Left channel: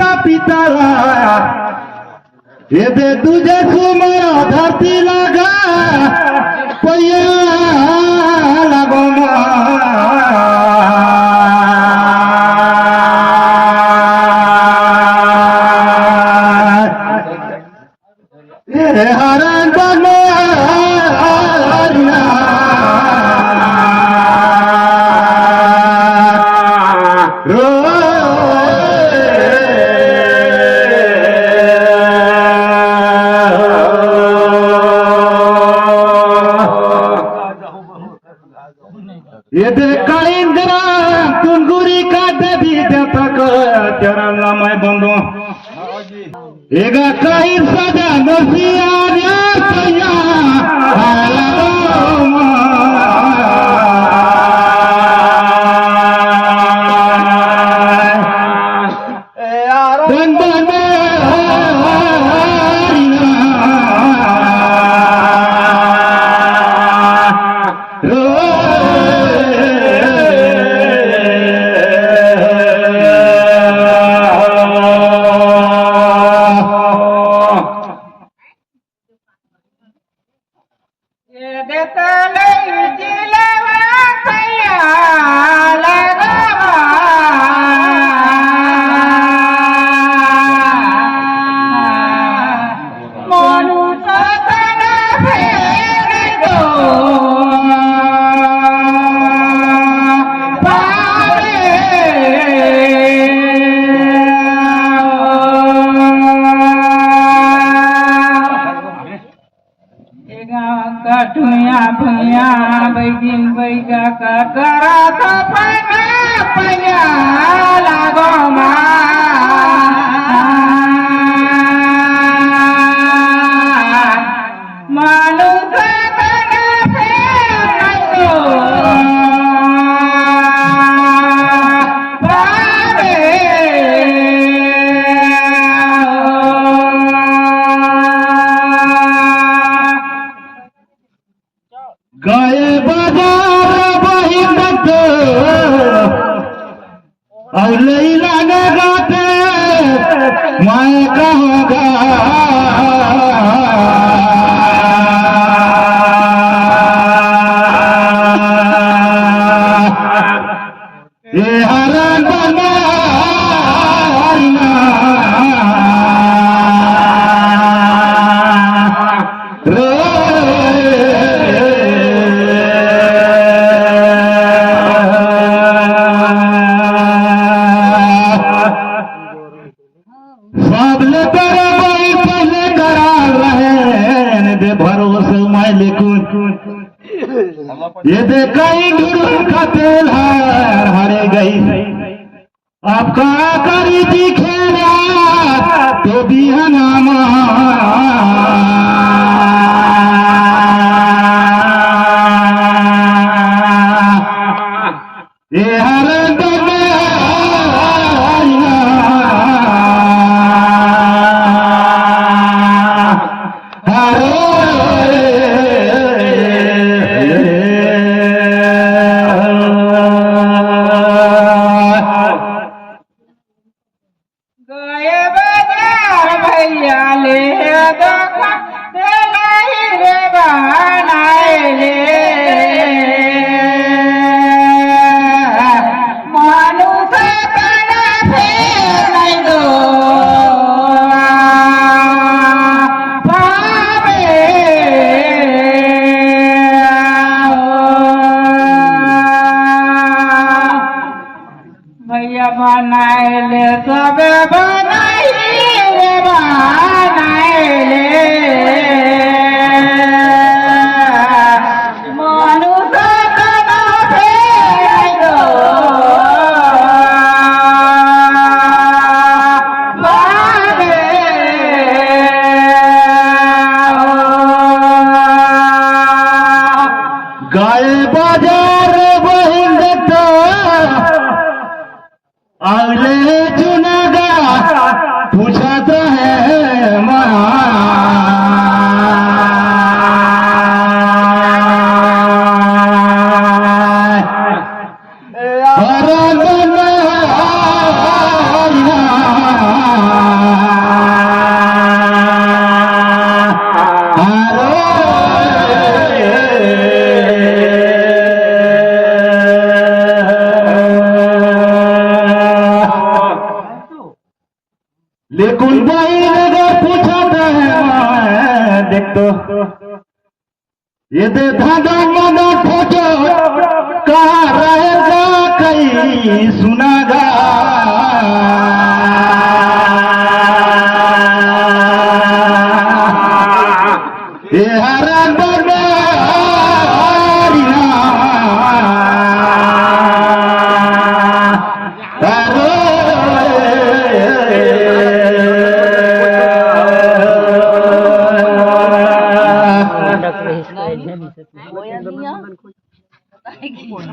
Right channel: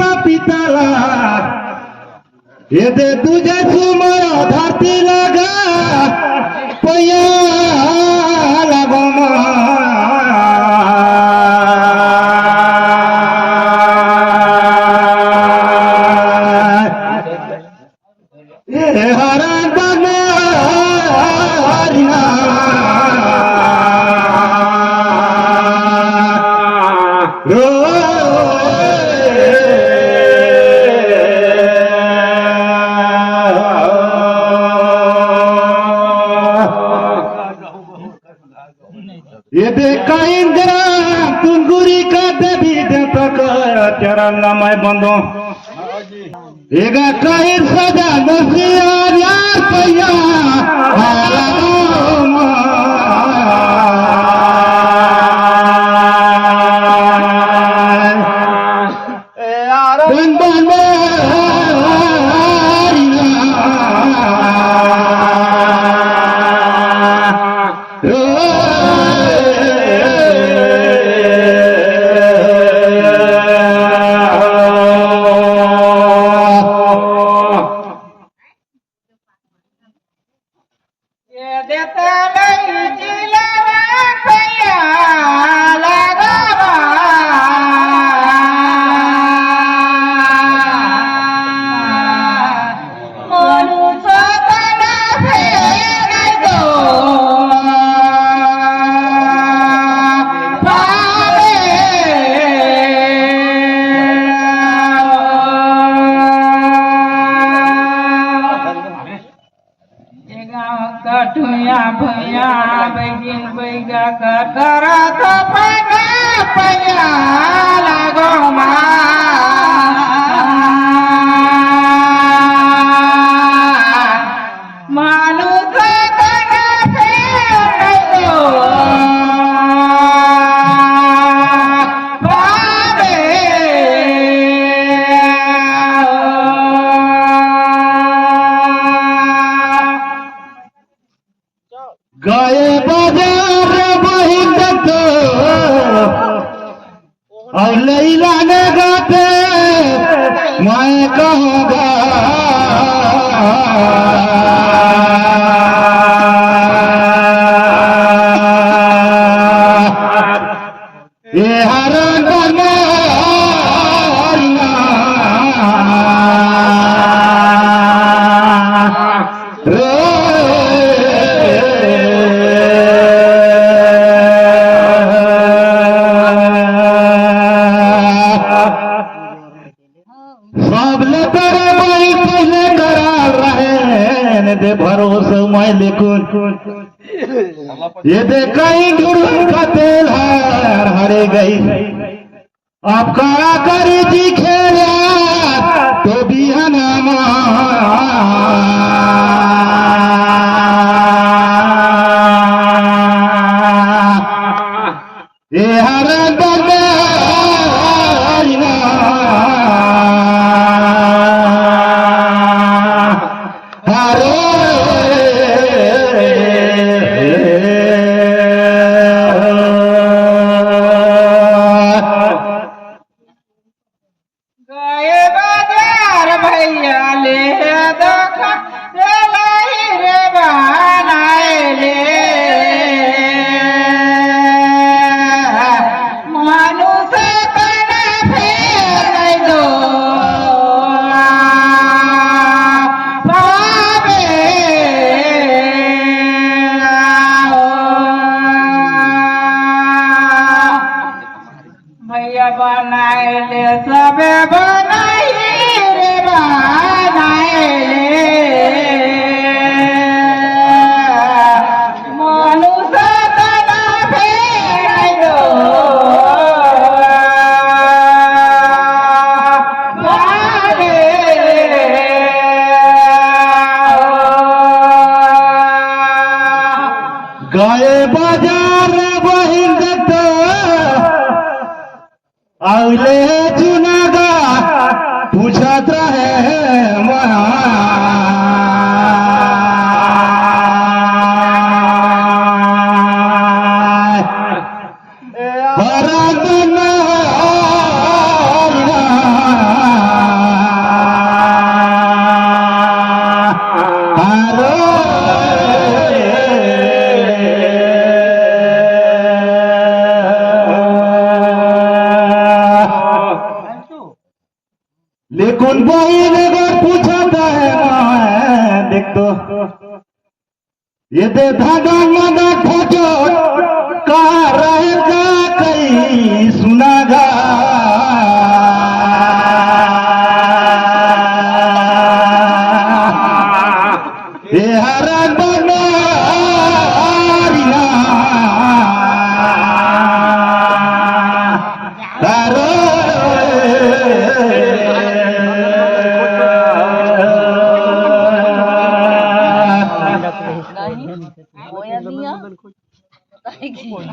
माता पिताला हे दे तुझे सुमर धरती लगा पैया लागो हरण ये देखा इंदिरा तुंगुरी का दबी तक तेरा मैं बंदो एगा कहीं सजा मसीहा यार पैया कठुया भैया बैगिन बैगा का करा तो पैया लागो मानु गए बाजार वही और लैला ने गाते मैं कहूँगा ये हरण बना सबले तेरा भाई पहले करा रहे दे भरोसे मैं लेकिन ये दे कहीं गुरु का तेल हरे गई आपका करी जी खेला तो भी है नाम ये हरण बनाएले सबे बनाइले मनुष्य तना फेरो भागे गए बाजार बहिन देखता अगले चुनागा पूछता है लेकिन बहन अगर पूछता है मैं देख तो ये दे धागा मगा खोजो कहाँ रहेगा कहीं सुनागा ये हरा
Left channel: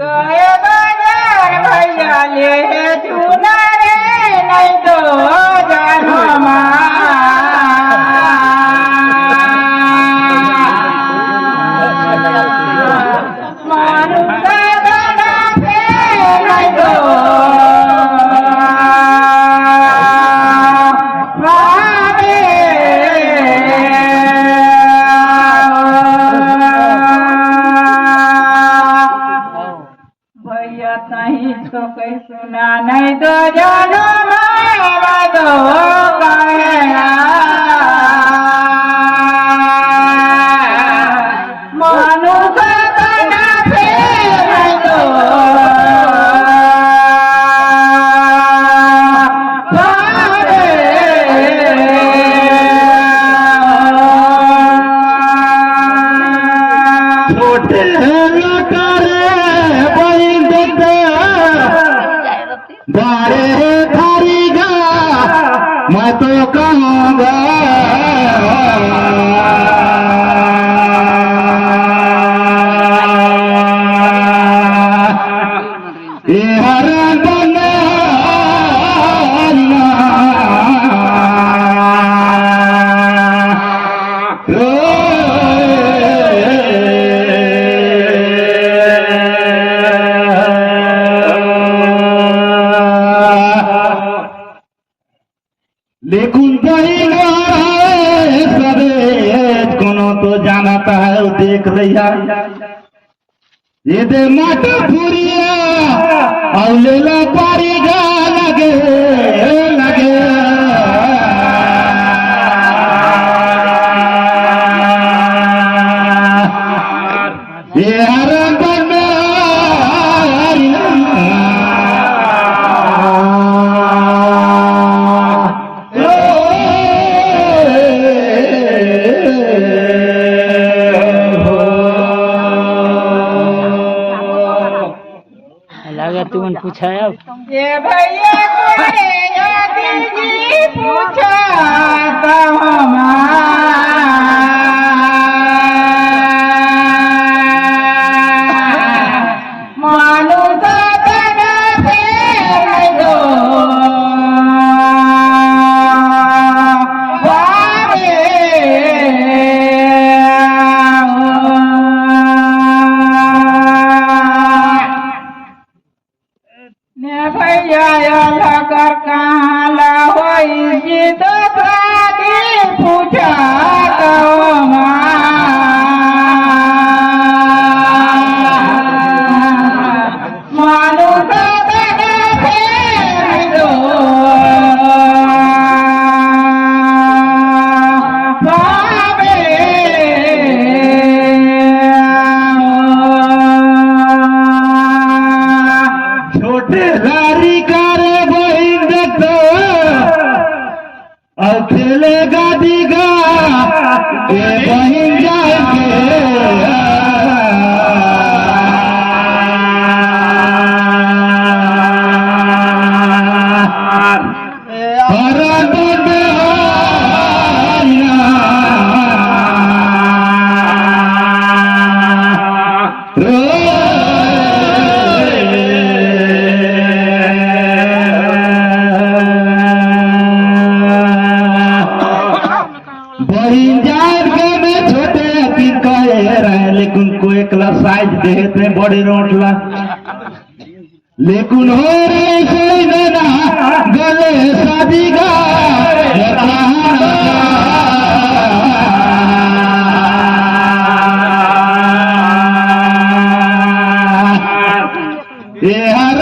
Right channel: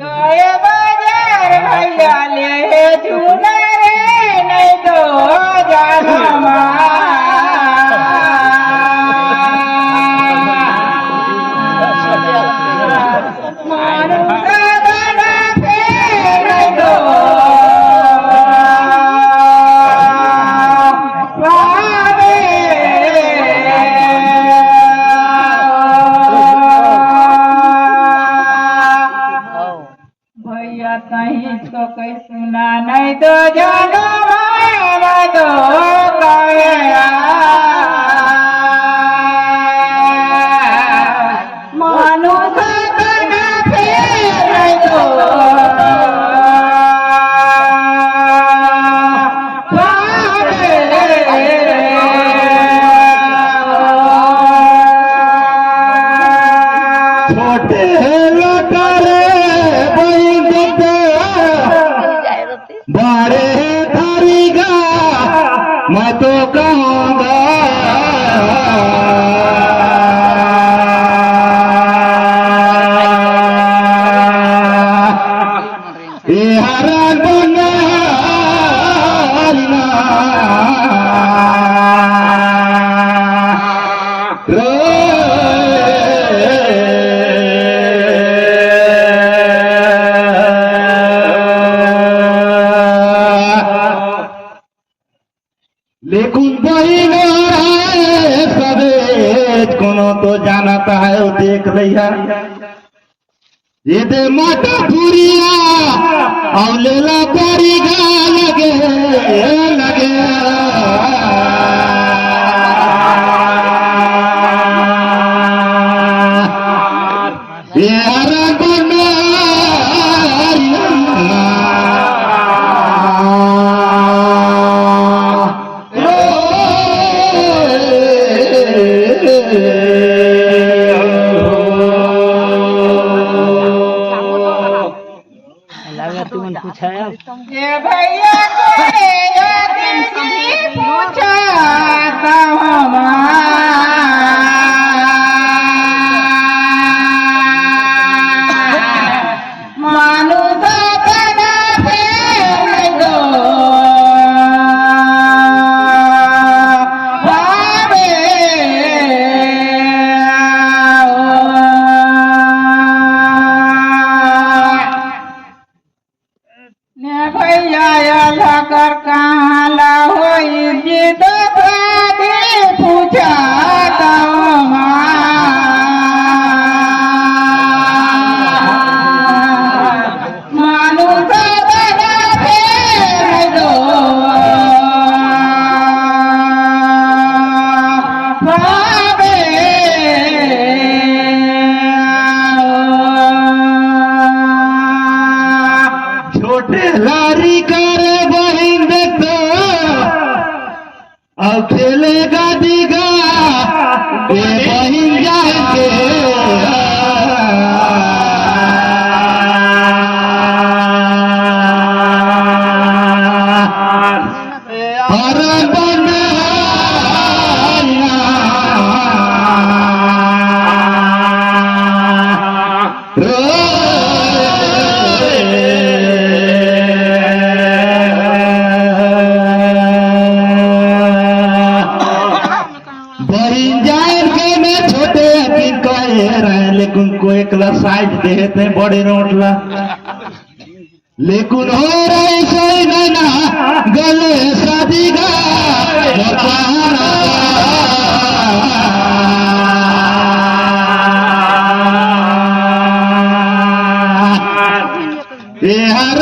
गए बाजार भैया ले चूना रे नहीं तो जाना मारू दादा पे नहीं तो नहीं तो कोई सुना नहीं तो जानो मैं तो गया मानो करना फिर नहीं तो छोटे बड़े धारीगा मैं तो कहूँगा ये हरा लेकिन बहिना सवेज कोनो तो जानता है वो देख रहा ये दे माता पुरिया और लेला पारीगा लगे लगे ये हरा पूछा है ये भैया पूछा मानो दादा फिर दो भैया कर कहाँ ला हुई जी दादी पूछा मानो दादा फिर दो छोटे लारी करे बहिन देखो अब खेलेगा दीगा ये बहिन जाएंगे लेकिन कोई क्लास साइज देते बड़े रोड ला लेकिन हो रही सही ना गले शादी का ये हर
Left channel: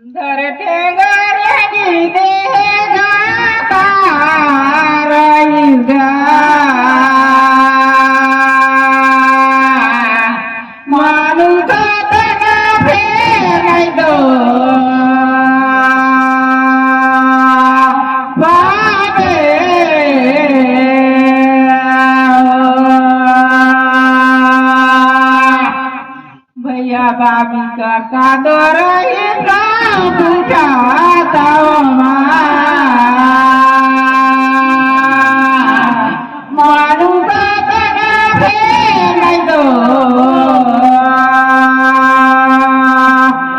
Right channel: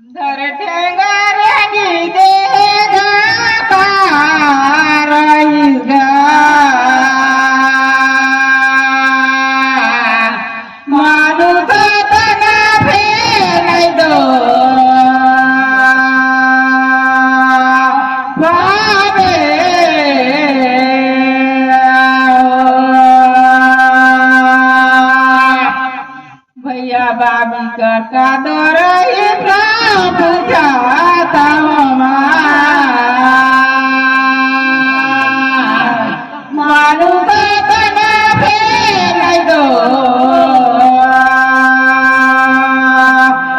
धर ठेंगाऱ्यानी देगा पाराईस गा माणूस तना फेराय दो बाबे भैया बाबी का दौर तुझ्या तावमा माणूस तना फेराय दो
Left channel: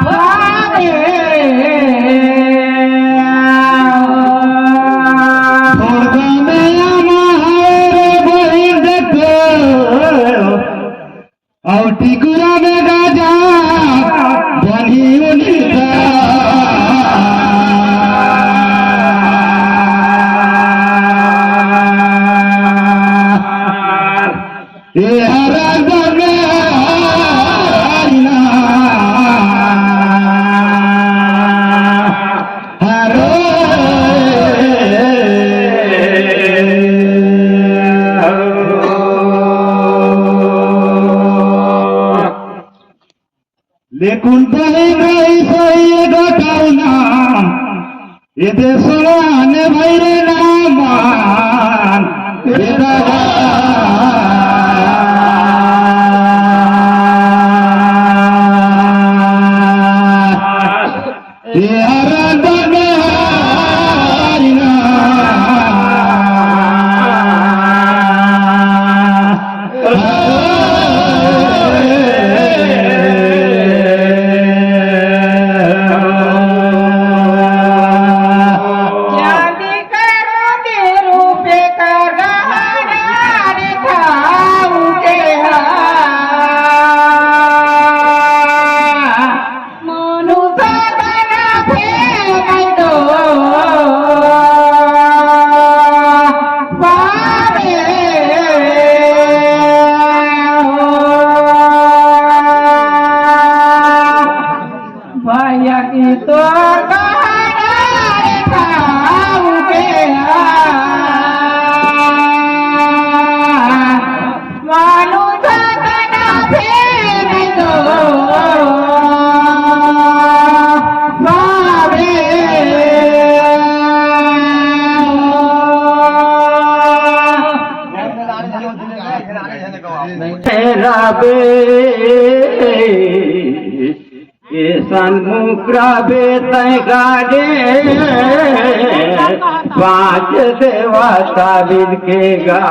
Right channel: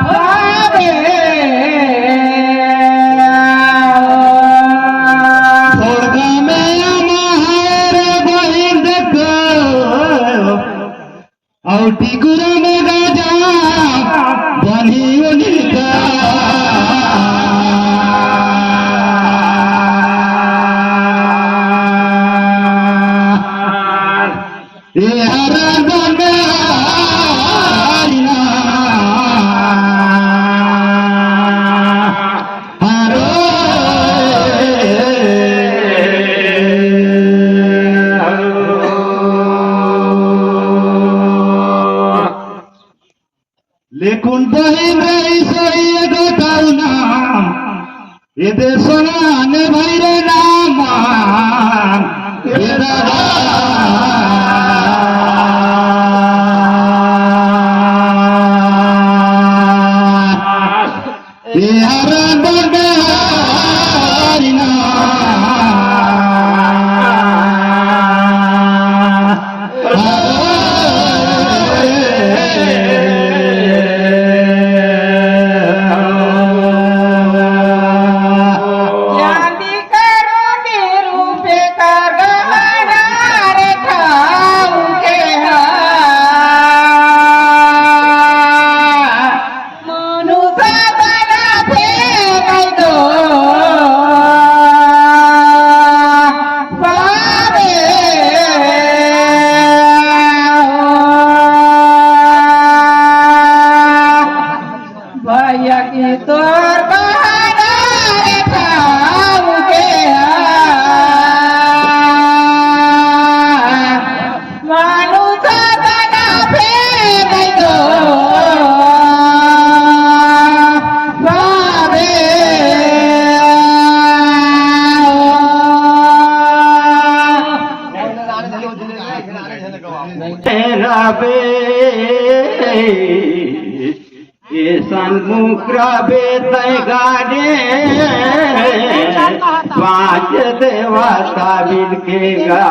बाबे स्वर्ग में महार गोविंद को औटी गुरा में गजा बनी उनिका ये हरा गंगारिया लेकुन बहीण राई गटाव नाम येथे सोळाने भैरे नामान चांदी करो दे रूपे का गहना रे खाऊ के माणूस तना फेराय दो बाबे भैया की तोर गहना रे खाऊ के माणूस तना फेराय दो बाबे राबे ये सन्मुख राबे तय गाजे पांच देवता बिन के गा